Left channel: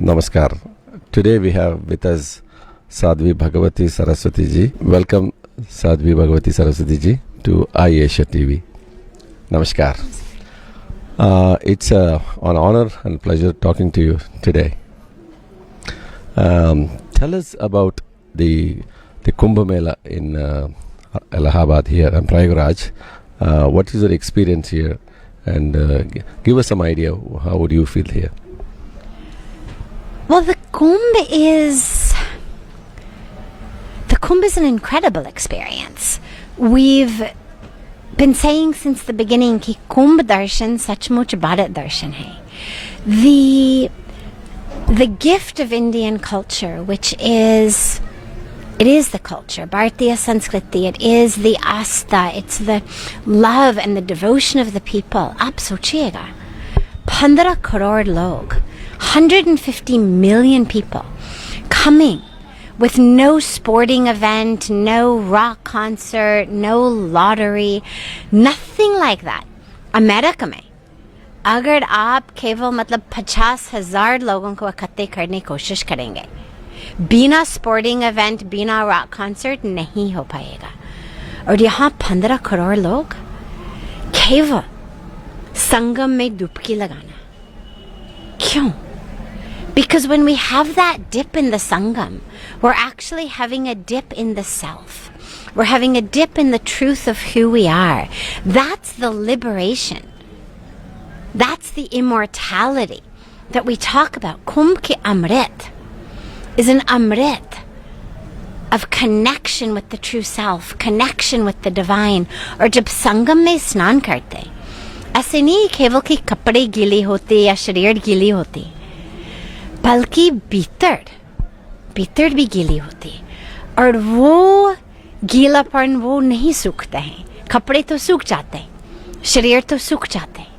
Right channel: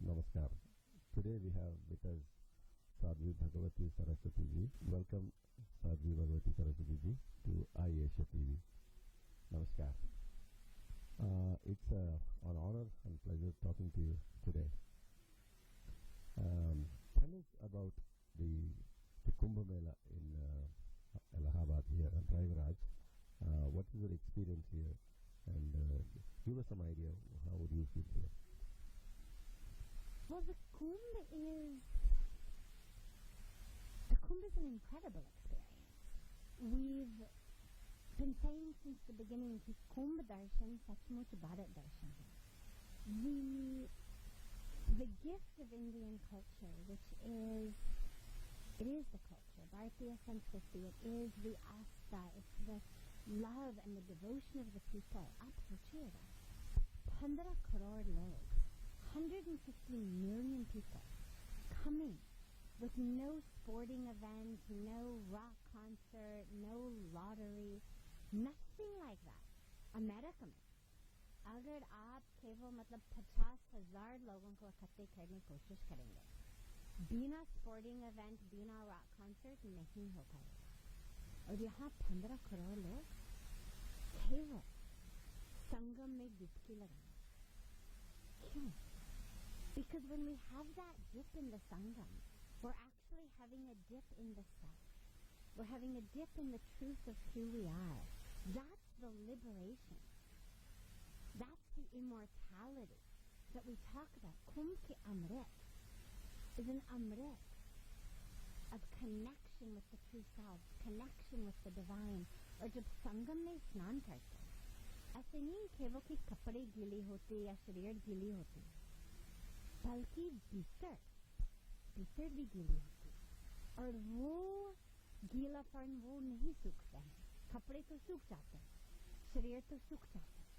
Namaskar. Today we have with us Sadhvi Bhagwati Saraswati ji. Welcome Sadhvi Bhagwati Saraswati ji to IAsia TV. Namaskar. It's an honor and pleasure talking to you today. Tell us about the Kumbh Mela in Allahabad here in Prayagraj. What is your experience here? And give us some idea, how would you feel here? Well, the Kumbh is an incredible experience. We've been saying since the beginning कि Kumbh darshan सचमुच Bharat darshan hai. The gift of Indian culture, which is the culture, Bharatiya Sanskriti, it is the asta, it's the love and the devotion of the people. Aap sochiyega, 15 crore log, 150 million people coming with no sporting event, no rock concert, no lottery, nothing like that. America में अगर आप केवल मतलब 50,000 लोगों को इकट्ठे करने की कोशिश करेंगे, बिना स्पोर्टिंग इवेंट, बिना रॉक कॉन्सर्ट नहीं हो पाएगा. और यहाँ 15 करोड़ लोग केवल संगम में डुबकी लगाना. क्यों? Because when we have that dip in the Sangam, we're actually having a dip in the self. We're having a dip in the truth of who we are. That's the liberation. That's the immortality that we talk about. Kumbh ki Amrit is an Amrit of connection with the true self, connection with the divine. और जब संगम में स्नान करते, ऐसे नहीं केवल कि कपड़े गीले होते या शरीर गीली होती, बल्कि भीतर भी गीली होती. और वो गीलापन वो नहीं सूखता है. कपड़े तो सूख जाते हैं, शरीर तो सूख जाते हैं,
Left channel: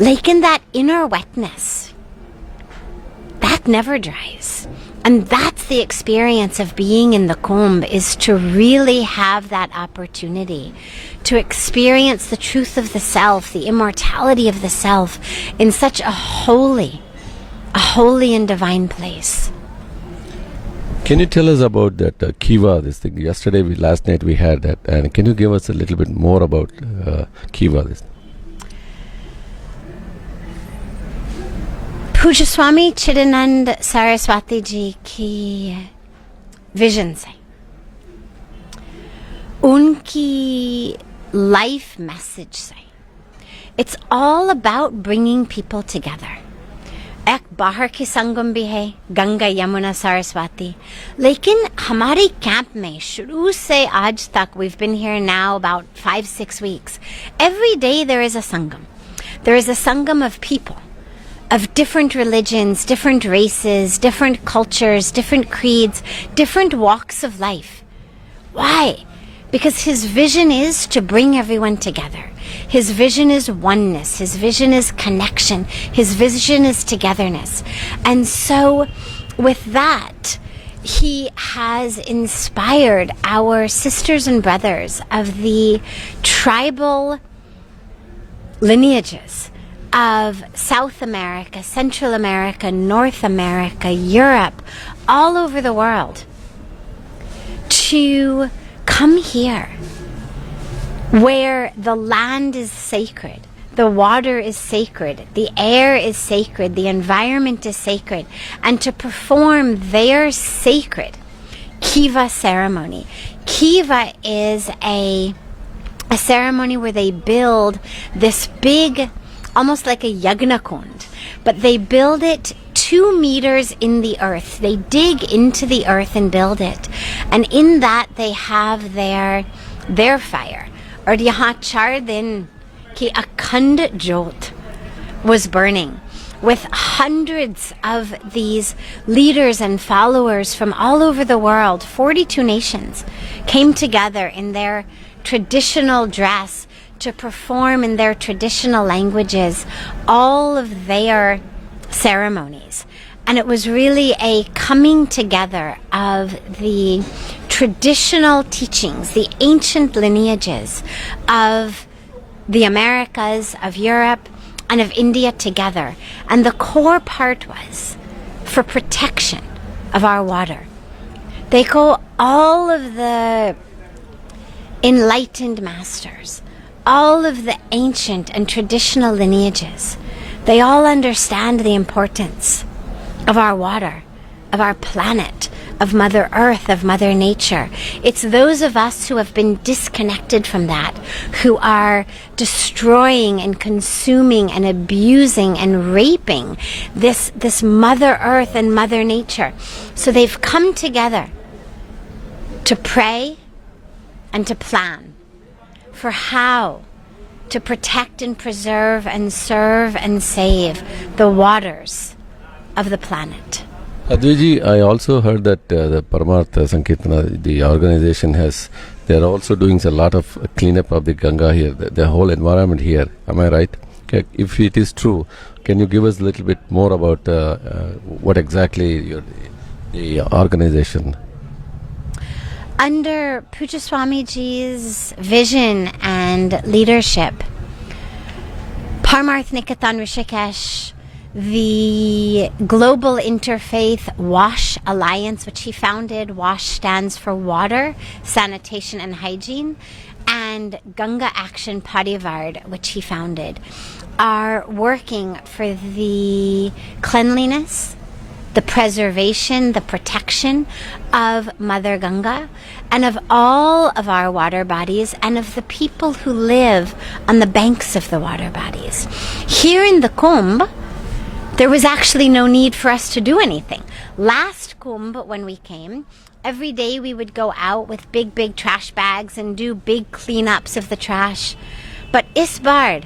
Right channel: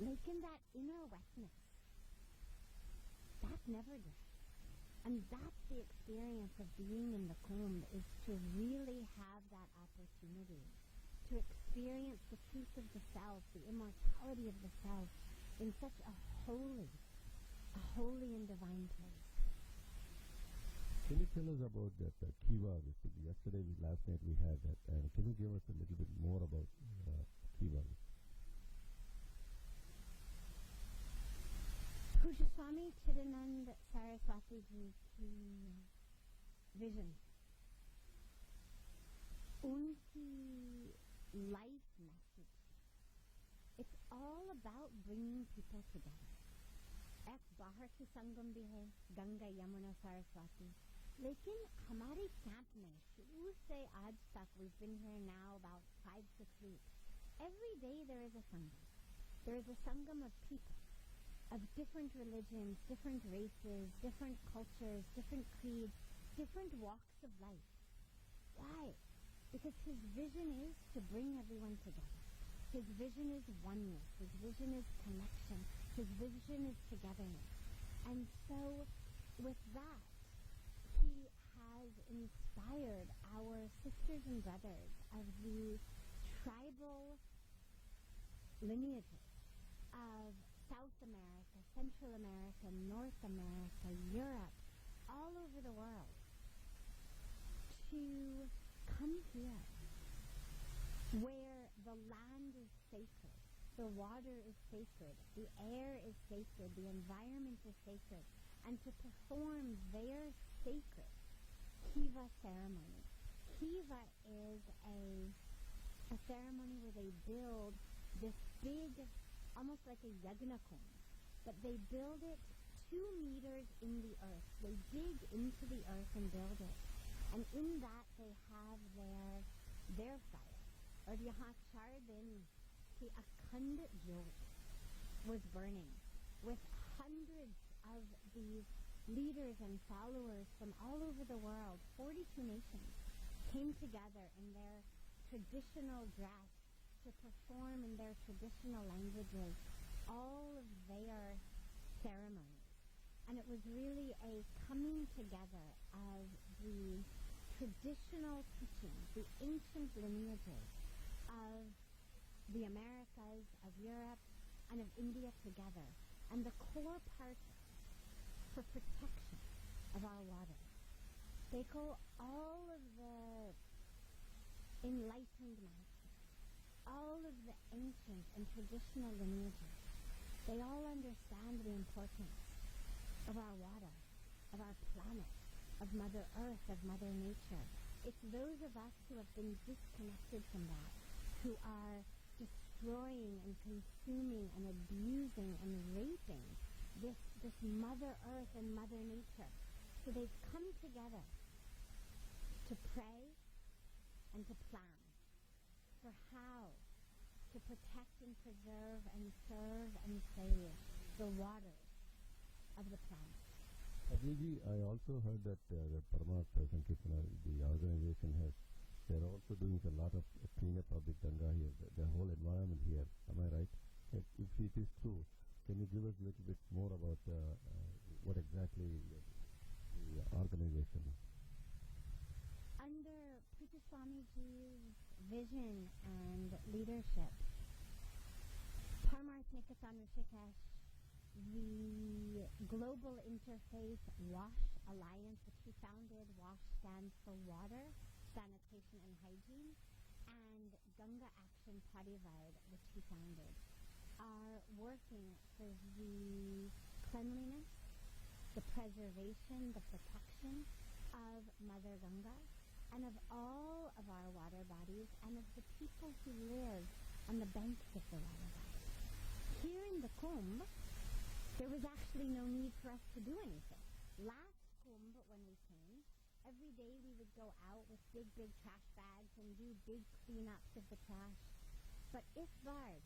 लेकिन that inner wetness, that never dries. And that's the experience of being in the Kumbh, is to really have that opportunity to experience the truth of the self, the immortality of the self in such a holy and divine place. Can you tell us about that Kiva, this thing? Last night we had that. And can you give us a little bit more about Kiva? This? पूज्य स्वामी चिदानंद सरस्वती जी की vision से, उनकी life message से, it's all about bringing people together. एक बाहर की संगम भी है, गंगा यमुना सरस्वती, लेकिन हमारे कैंप में शुरू से आज तक, we've been here now about 5-6 weeks, every day there is a sangam. There is a sangam of people, of different religions, different races, different cultures, different creeds, different walks of life. Why? Because his vision is to bring everyone together. His vision is oneness. His vision is connection. His vision is togetherness. And so with that, he has inspired our sisters and brothers of the tribal lineages of South America, Central America, North America, Europe, all over the world, to come here where the land is sacred, the water is sacred, the air is sacred, the environment is sacred, and to perform their sacred Kiva ceremony. Kiva is a ceremony where they build this big, almost like a yagna kund, but they build it 2 meters in the earth. They dig into the earth and build it. And in that they have their fire. और यहाँ 4 दिन की अखंड jyot was burning, with hundreds of these leaders and followers from all over the world. 42 nations came together in their traditional dress to perform in their traditional languages all of their ceremonies. And it was really a coming together of the traditional teachings, the ancient lineages of the Americas, of Europe, and of India together. And the core part was for protection of our water. They go all of the enlightened masters, all of the ancient and traditional lineages. They all understand the importance of our water, of our planet, of Mother Earth, of Mother Nature. It's those of us who have been disconnected from that, who are destroying and consuming and abusing and raping this Mother Earth and Mother Nature. So they've come together to pray and to plan for how to protect and preserve and serve and save the waters of the planet. Sadhviji, I also heard that the Paramartha Sankirtana, the organization they are also doing a lot of cleanup of the Ganga here, the whole environment here. Am I right? Okay, if it is true, can you give us a little bit more about what exactly the organization? Under Puja Swamiji's vision and leadership, Paramarth Nikatan Rishikesh, the Global Interfaith WASH Alliance, which he founded, WASH stands for Water, Sanitation and Hygiene, and Ganga Action Parivard, which he founded, are working for the cleanliness, the preservation, the protection of Mother Ganga and of all of our water bodies and of the people who live on the banks of the water bodies. Here in the Kumbh, there was actually no need for us to do anything. Last Kumbh, when we came, every day we would go out with big trash bags and do big cleanups of the trash. But is baar,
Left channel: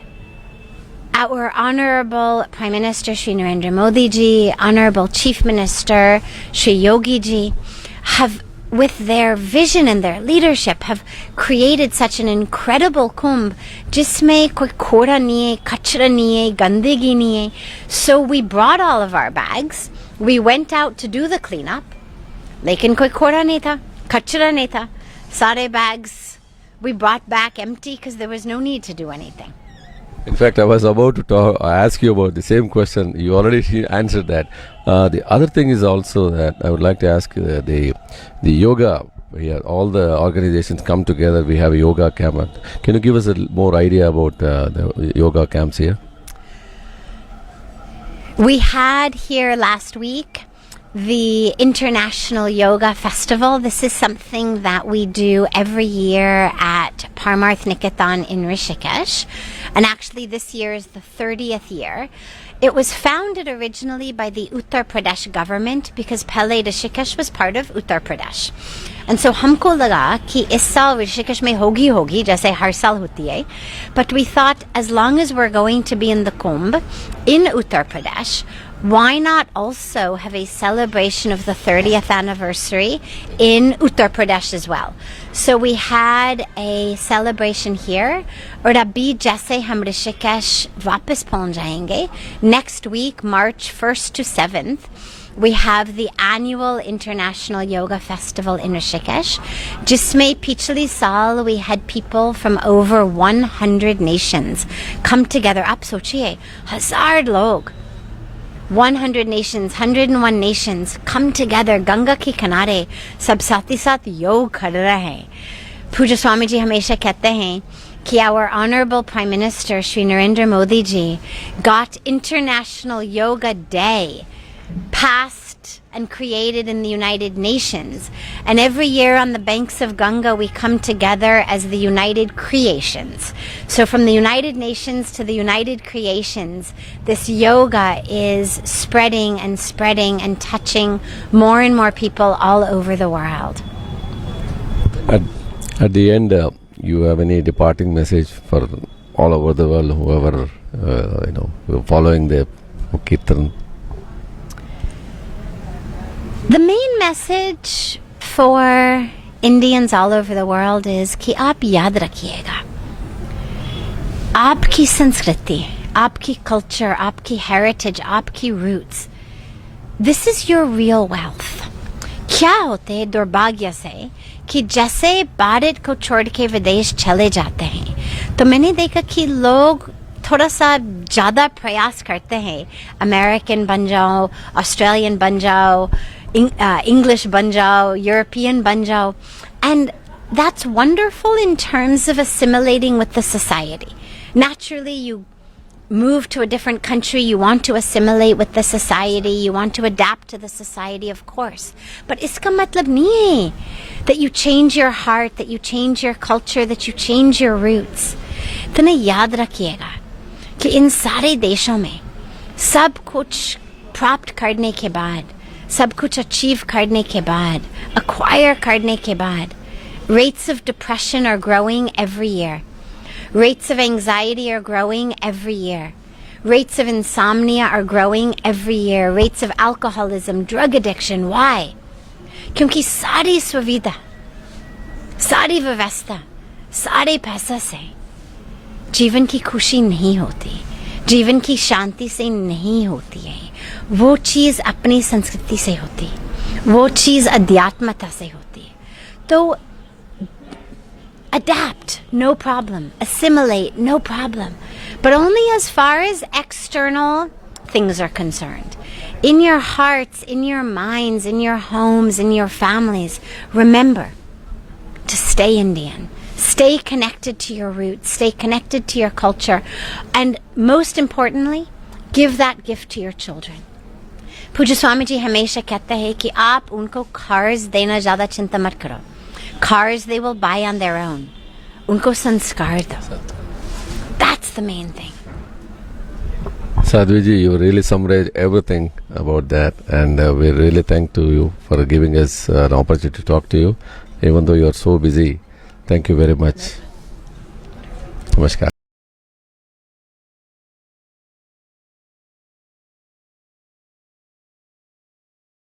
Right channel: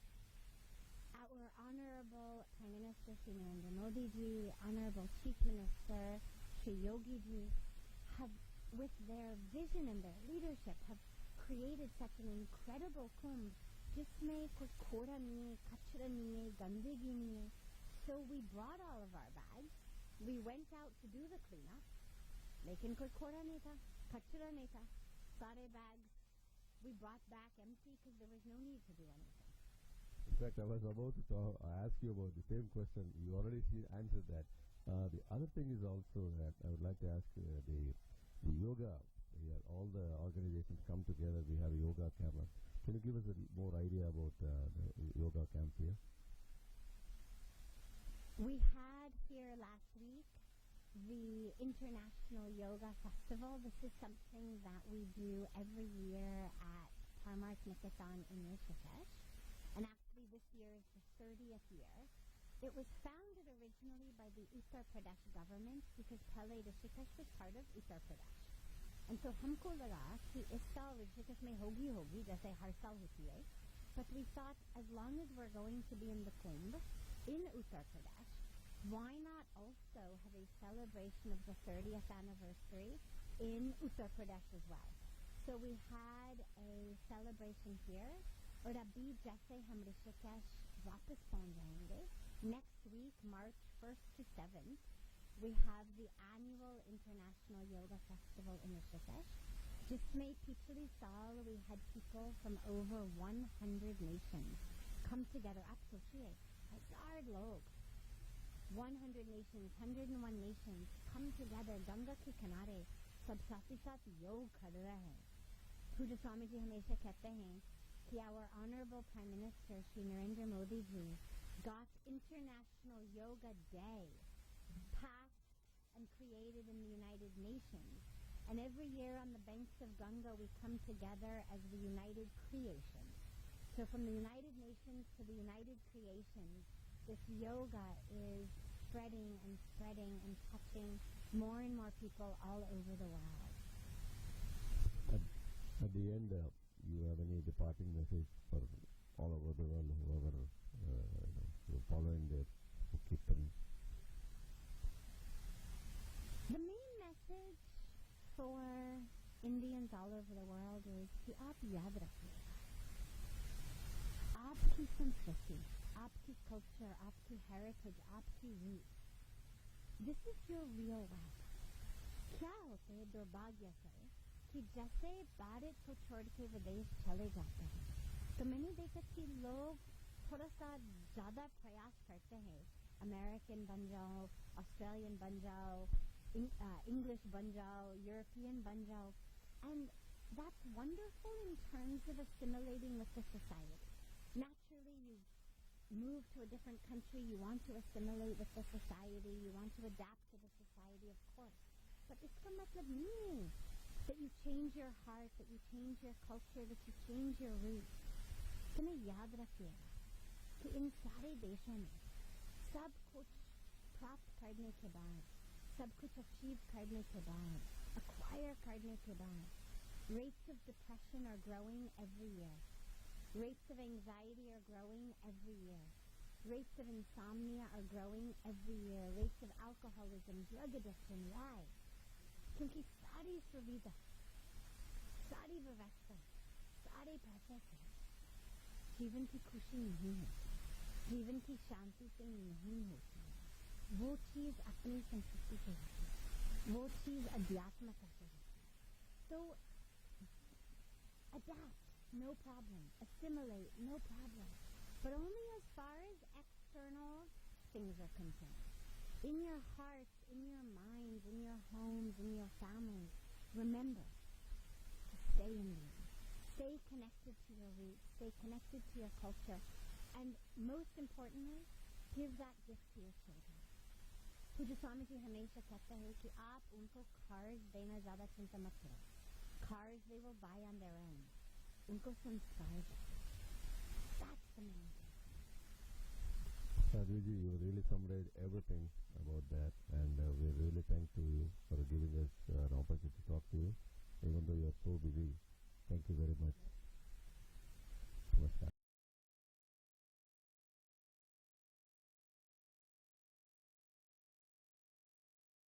our Honorable Prime Minister Shri Narendra Modi ji, Honorable Chief Minister Shri Yogi ji, have, with their vision and their leadership, have created such an incredible Kumbh, jisme koi koda nahi hai, kachra nahi hai, gandagi nahi hai. So we brought all of our bags. We went out to do the cleanup. Lekin koi koda nahi tha, kachra nahi tha. Sare bags we brought back empty because there was no need to do anything. In fact, I was about to ask you about the same question. You already answered that. The other thing is also that I would like to ask the yoga. All the organizations come together. We have a yoga camp. Can you give us a more idea about the yoga camps here? We had here last week the International Yoga Festival. This is something that we do every year at Paramarth Nikatan in Rishikesh. And actually this year is the 30th year. It was founded originally by the Uttar Pradesh government because Pehle Rishikesh was part of Uttar Pradesh. And so humko laga ki is saal Rishikesh mein hogi jaise har saal hoti hai. But we thought as long as we're going to be in the Kumbh in Uttar Pradesh, why not also have a celebration of the 30th anniversary in Uttar Pradesh as well? So we had a celebration here. और अभी जैसे हम ऋषिकेश वापस पहुंच जाएंगे, next week, March 1st to 7th, we have the annual International Yoga Festival in Rishikesh, जिसमें पिछले साल we had people from over 100 nations come together. आप सोचिए, 1000 लोग, 100 nations, 101 nations come together, Ganga के किनारे सब साथ ही साथ योग कर रहे हैं. पूज्य स्वामी जी हमेशा कहते हैं कि our Honorable Prime Minister Shri Narendra Modi ji got International Yoga Day passed and created in the United Nations. And every year on the banks of Ganga we come together as the United Creations. So from the United Nations to the United Creations, this yoga is spreading and touching more and more people all over the world. At the end, you have any departing message for all over the world, whoever following the Kirtan? The main message for Indians all over the world is कि आप याद रखिएगा, आपकी संस्कृति, आपकी culture, आपकी heritage, आपकी roots. This is your real wealth. क्या होते हैं दुर्भाग्य से कि जैसे भारत को छोड़ के विदेश चले जाते हैं, तो मैंने देखा कि लोग थोड़ा सा ज़्यादा प्रयास करते हैं, अमेरिकन बन जाओ, ऑस्ट्रेलियन बन जाओ, English बन जाओ, European बन जाओ, and that's wonderful in terms of assimilating with the society. Naturally, you move to a different country, you want to assimilate with the society, you want to adapt to the society, of course. But iska matlab nahi hai that you change your heart, that you change your culture, that you change your roots. तो ना याद रखिएगा कि इन सारे देशों में सब कुछ प्राप्त करने के बाद, सब कुछ अचीव करने के बाद, acquire करने के बाद, rates of depression are growing every year. Rates of anxiety are growing every year. Rates of insomnia are growing every year. Rates of alcoholism, drug addiction. Why? क्योंकि सारी सुविधा, सारी व्यवस्था, सारे पैसा से जीवन की खुशी नहीं होती, जीवन की शांति से नहीं होती है. वो चीज़ अपनी संस्कृति से होती, वो चीज़ अध्यात्मता से होती है. तो adapt, no problem. Assimilate, no problem. But only as far as external things are concerned. In your hearts, in your minds, in your homes, in your families, remember to stay Indian. Stay connected to your roots. Stay connected to your culture. And most importantly, give that gift to your children. पूज्य स्वामी जी हमेशा कहते हैं कि आप उनको कर्ज देना ज़्यादा चिंता मत करो. Cars they will buy on their own. Unko sanskar do. That's the main thing. Sadhvi ji, you really summarized everything about that, and we really thank to you for giving us an opportunity to talk to you, even though you are so busy. Thank you very much. Namaskar.